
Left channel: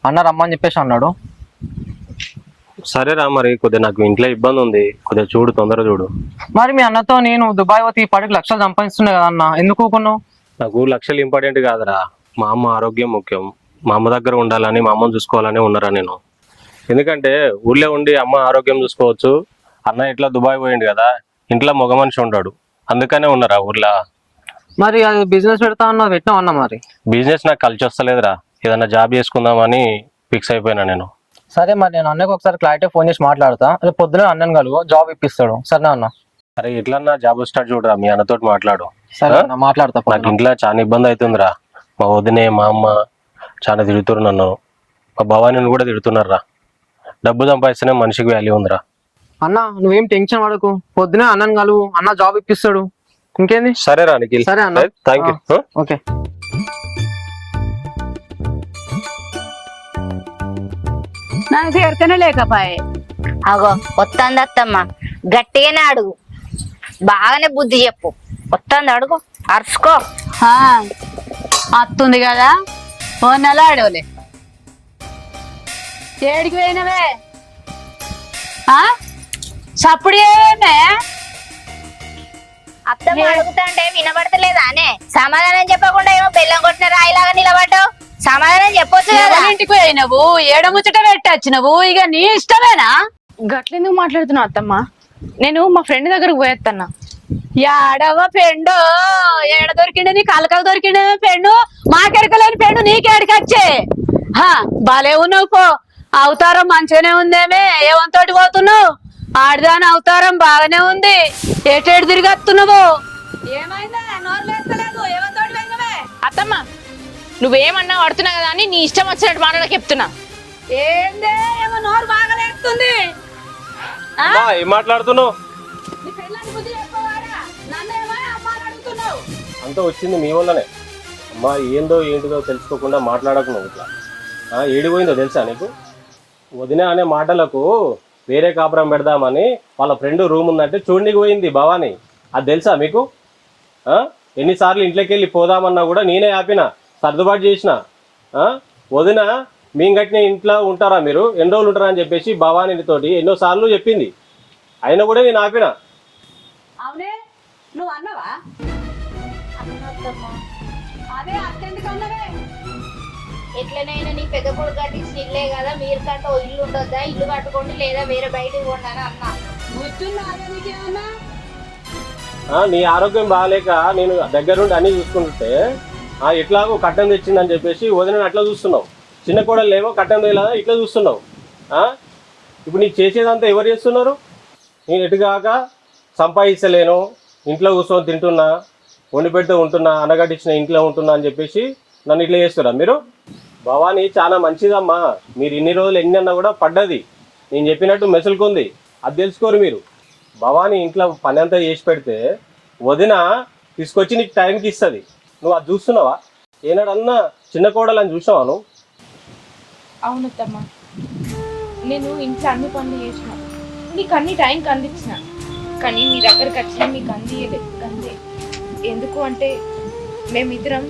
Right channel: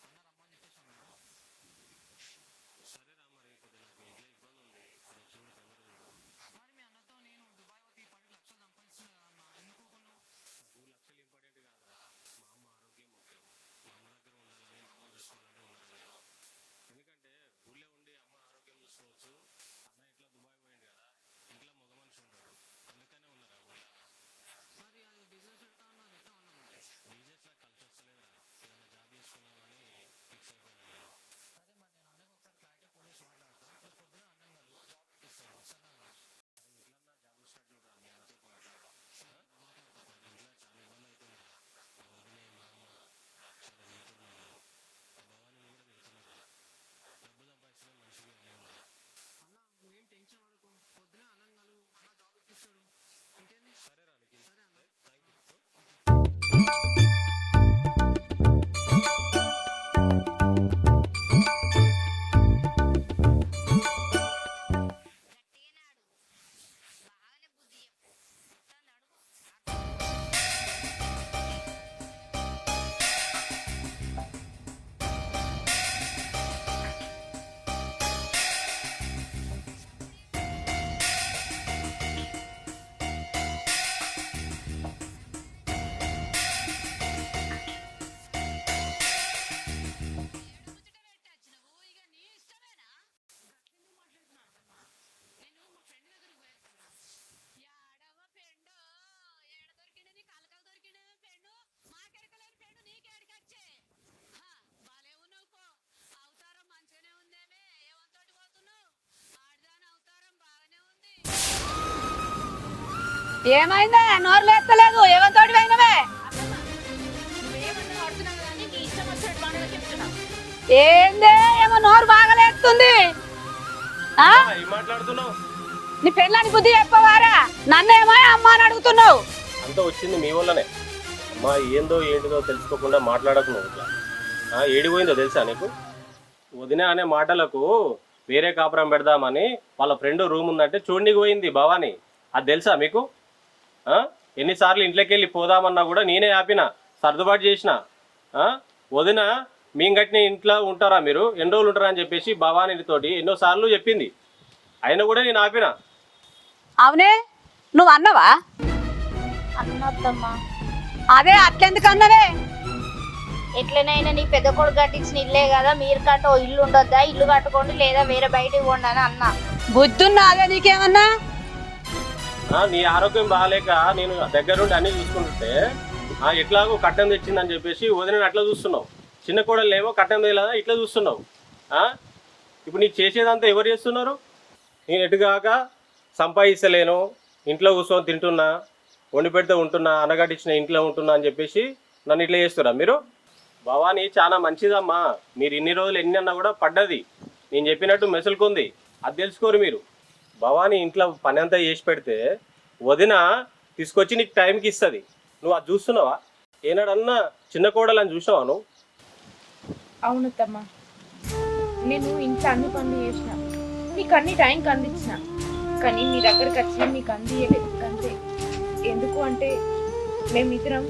అన్న రమ్మని చెప్పేసి అన్నాడు. సరేరా, మరి కొద్దిగా నాకు ఇంట్లో ఇబ్బంది ఉంది, కొద్దిగా చూడు, తొందరగా చూడు. మరి మీ అన్నతో నేను దుబాయ్ పోతే ఈ పాటికి లక్షలు సంపాదిస్తున్నా కదా అన్న, ఎందుకు ఊకున్నావు? నాకు లక్షలు ఇంపార్టెంట్ కాదురా, మా అమ్మ ఆరోగ్యం ముఖ్యం. మా అమ్మ దగ్గర ఉండాలని, మా అమ్మని చూసుకోవాలని ఉన్నారా నేను. ఎందుకంటే ఊళ్ళో ఉండి అమ్మ ఆరోగ్యం చూసుకోవచ్చు, అన్న ఇట్లా దుబాయ్ పోయిండు కదా, ఇంట్లో మగ మనిషి ఉంటాడు, అందుకనే ఉన్నారా ఊర్లో. మరి అది బిజినెస్ పెడతా అన్నా, పెట్టినావు అన్న. మరి బిజినెస్ నాకు కలిసి వస్తలేదురా, ఏదన్నా జాబ్ చేసుకుందామని ఫిక్స్ అయిపోయినా నేను. సరే, మరి నేను అన్నకు ఒకసారి క్లారిటీ ఫోన్ చేసి మాట్లాడతా. రేపు పొద్దున అన్నను కలుగు, జాబ్ ఇప్పిస్తాడు. సరేనా అన్న? అరే ఇట్లన్నా జాబ్ స్టార్ట్ చూడరా, మీ అన్నతోటి మాట్లాడు. సరే అన్న, మాట్లాడతా. నాకు ఇంట్లో చాలా ఇబ్బంది అవుతుందిరా. మా వదినే, మా అమ్మ చాలా తిడుతున్నారు నన్ను, మా భవానీని కూడా తిడుతున్నారా. డబ్బు సంపాదిస్తేనే మనిషికి వాల్యూ ఉందిరా. అన్న నువ్వేం టెన్షన్ పడకు, పొద్దునే అన్నను కలువు, అన్న జాబ్ ఇప్పిస్తాడు. ఇంకేంది? సరేరా నిఖిల్. సరే అన్న. Thank you. ఓకే. నాకు చేరుతనే లేకపాయే. అగో వస్తుంది అత్తమ్మ, గట్టిగానే అడుగు, బాగానే బుద్ధి చెప్పు. వస్తుంది అడుగు, అరుచుకో. అత్తుంది కదా, ఓ నెల ఆడవలే. ఏడికి పోయినవే? చప్పుడు ఏమే? అత్తమ్మ అడుగుతుంటే వినబడతలేదా అనే? సమాధానం చెప్పకుండా ఏమో బెల్లం కొట్టిన రాయిలాగా నిలబడ్డావు. సమాధానం చెప్పొచ్చు కదా. ఇంటికి పోయినవు, ఏడముచ్చట పెట్టచ్చినవు, ఇక నీ ఇష్టమేనా? గట్లెందుకు మాట్లాడుతున్నావు అత్తమ్మ? నేను మా ఫ్రెండ్ దగ్గరకు పోయేత్తన్నా. ఏడవ పెండు ఏడ దొరికిండే? నీ కలకలు దొరికిండే పెండు, మాకెరకలేని పెండు నీకేడికచ్చే? బాలే ఉన్నావు పో. అవతారం మంచిగానే ఉందేమే, ఏవంతోటి పోతున్నావు? ఆడదాని అవతారం బాగానే ఉంది, ఏటేడు తిరిగి వస్తున్నావు. ఏమైందా? నోరు లేస్తలేదు, ఏవంతోటి పోయినవే? అత్తమ్మ నువ్వేమన్నా పడుతున్నా కదా అని నీ ఇష్టం వచ్చినట్టు మాటలకు చెప్తున్నా. ఏందే ఏమో నోరు బాగా లేస్తుంది. ఏం మాట్లాడుతున్నావు? నీ పెళ్ళానికి బుద్ధి చెప్పవారా? నన్నేమో అమ్మ అని అడుగుతున్నావు. అంతా వచ్చింది మీ వల్లనే అమ్మా. ఏందో ఏంటిదో తెలుసుకోకుండా మాట్లాడకున్నావు ఇట్లా. ఏడిపోయిందో తెలుసా నీకు? వదిన అనే మాటలకు వేరే కాపురం పెడదామని వాళ్ళ ఫ్రెండ్ రూమ్ ఉందంటే చూడనికి పోయింది భవాని. అది తెలుసా మీకు? ఎన్నిసార్లు ఇంట్లోకి వెళ్ళి పోదామన్నా కూడా నేనే ఆపిన, సర్దుబాటు చేసిన. వదిన మేము గట్టిన ఇంట్లో ఉంటారా మీరు, ఎన్ని రోజులు ఉంటారా అని చెప్పేసి భవానీతోటి ఎన్నోసార్లు చెప్పింది, అయినా కూడా నేను ఆపిన. అవునే, నువ్వు అన్నవా? అదే అట్లెందుకు అన్నవే? ఎట్లనైనా నీ పెద్ద కొడుకు కట్టించిన ఇల్లే కదా, మీరు కట్ట ఇల్లు ఉండొద్దా, ఇల్లు కట్టుకోండి లేదా వేరే బయటకు పోండి అని అన్నా. బుద్ధున్నా అదే నీకేమన్నా? నీ ఆరోగ్యం బాగాలేక నేను దగ్గరుండి అన్ని చూసుకుంటుంటే ఎట్లాగో కట్టం తెచ్చిందని చెప్పేసి వదిన అట్లా చూస్తున్నావు. చిన్న కోడలు ఏమో కట్టం తెలదా ఇట్లా చూస్తున్నావు. ఇప్పుడు నీకు చేసేదంతా ఎవరు చేస్తున్నారు? నేను ఎటుగాక సంపాదిస్తలేను, ఇంట్లో కూర్చొని తింటున్నా, వండి పెడితే ఉంటున్నా, అనగట్టించిన ఇంట్లో ఉంటున్నా అని చెప్పేసి నన్ను ఇట్లా చేస్తారా మీరు? భవానీ చాలా మంచిదమ్మా, మీరు ఇన్ని రోజులు ఎన్ని అన్నా కూడా పడ్డది, నేను చెప్పినట్టు మెసులుకుంది, అది తెలుసుకోరు మీరు. భవానీ ఇంట్లో పని అంతా చేసి పెడితే వదిన తీసుకొచ్చి నీకు టైంకి ఇస్తుంది, నువ్వు అది చూస్తున్నావా? ఏనాడన్నా చిన్న కోడలని చూసావా నువ్వు? అవునత్తమ్మ, నేను ఇంట్లో అన్ని పనులు చేసిన, నీకు అన్ని టైంకి అందించిన, కానీ మీ దగ్గరకు వచ్చిన మీకు అందియలేదు. అంతే. ఎందుకు అంటే మేమిద్దరం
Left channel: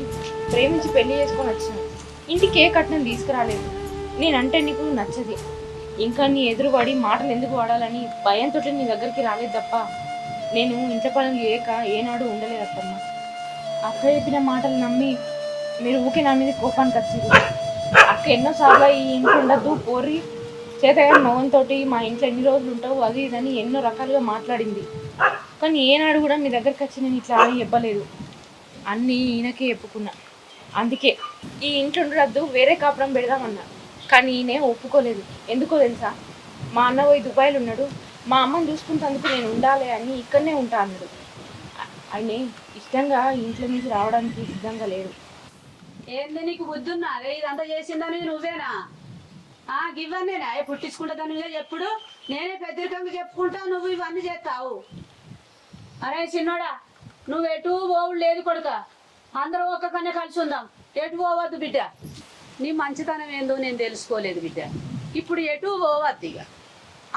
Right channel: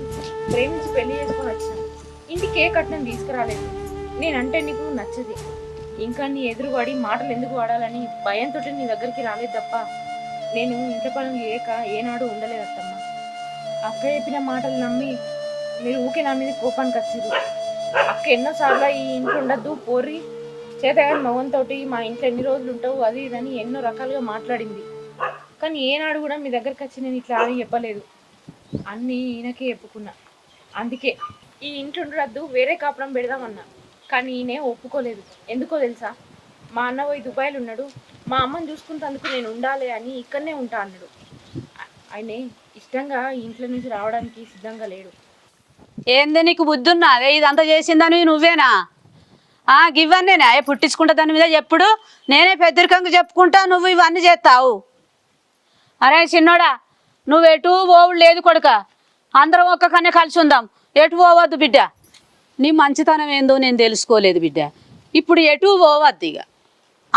ప్రేమించి పెళ్లి చేసుకొని వచ్చినాం, ఇంటికి ఏ కట్నం తీసుకురాలేదు. నేనంటే నీకు నచ్చది, ఇంకా నీ ఎదురుపడి మాటలు ఎందుకు వాడాలని భయంతో నీ దగ్గరికి రాలేదు తప్ప నేను ఇంట్లో పనులు లేక ఏనాడు ఉండలేదు అత్తమ్మ. అక్క చెప్పిన మాటలు నమ్మి మీరు ఊకే నా మీద కోపానికి వచ్చింది. అక్క ఎన్నోసార్లు ఈ ఇంట్లో ఉండద్దు, పోరి చేతగాని మగంతో మా ఇంట్లో ఎన్ని రోజులు ఉంటావు అది ఇదని ఎన్నో రకాలుగా మాట్లాడింది. కానీ ఏనాడు కూడా మీ దగ్గరికి వచ్చి నేను ఇట్లా అని చెప్పలేదు, అన్నీ ఈయనకే చెప్పుకున్నా. అందుకే ఈ ఇంట్లో ఉండద్దు, వేరే కాపురం పెడదామన్నా, కానీ ఈయనే ఒప్పుకోలేదు. ఎందుకో తెలుసా? మా అన్న పోయి దుబాయ్లో ఉన్నాడు, మా అమ్మని చూసుకుంటేందుకు నేను ఉండాలి అని ఇక్కడనే ఉంటా అన్నాడు. ఆయన ఇష్టంగా ఇంట్లో నుంచి రావడానికి సిద్ధంగా లేడు. ఏంది నీకు బుద్ధి ఉన్నదే? ఇదంతా చేసిందని నువ్వేనా? గివన్నేనా పుట్టించుకుంటా దాని మీద ఎప్పుడు నేనే పెద్దరికంగా చెప్పుకుంటా, నువ్వు ఇవన్నీ చేస్తావు. అరే చిన్నోడా, నువ్వు ఎటు పోవుడు లేదు కొడుక, అందరం ఒక్కకనే కలిసి ఉందాం. ఎటు పోవద్దు బిడ్డ. నీ మంచితనం ఏందో నేను తెలుసుకోలేదు బిడ్డ. ఇప్పుడు ఎటు పోవద్దు, ఇక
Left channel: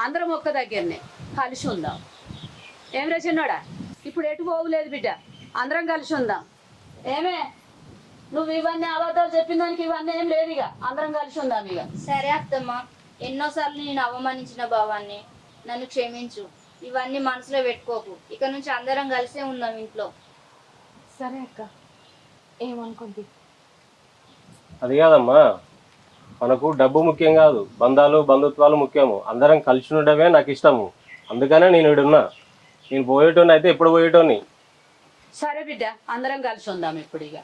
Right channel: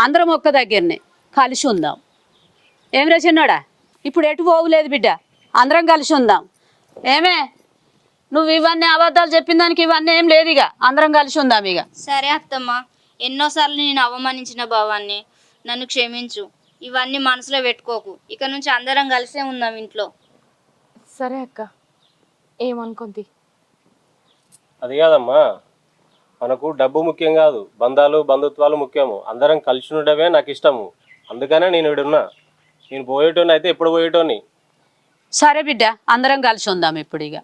అందరం ఒక్క దగ్గరనే కలిసి ఉందాం. ఏమిరా చిన్నోడా, ఇప్పుడు ఎటు పోవులేదు బిడ్డ, అందరం కలిసి ఉందాం. ఏమే నువ్వు ఇవన్నీ అబద్ధాలు చెప్పిన దానికి ఇవన్నీ ఏం లేదు, ఇక అందరం కలిసి ఉందాం ఇక. సరే అత్తమ్మ, ఎన్నోసార్లు నేను అవమానించిన భావాన్ని, నన్ను క్షమించు. ఇవన్నీ మనసులో పెట్టుకోకు. ఇక నుంచి అందరం కలిసే ఉందాం ఇంట్లో. సరే అక్క, ఏమనుకుంది? అది కాదమ్మా, మనకు డబ్బు ముఖ్యం కాదు, బంధాలు బంధుత్వాలు ముఖ్యము. అందరం కలిసి ఉండడమే నాకు ఇష్టము. అందుకనే నేను ఇడున్నా. నేను పోయేటోని అయితే ఎప్పుడు పోయేటోని. సరే బిడ్డ, అందరం కలిసి ఉందాం ఇప్పుడు ఇక.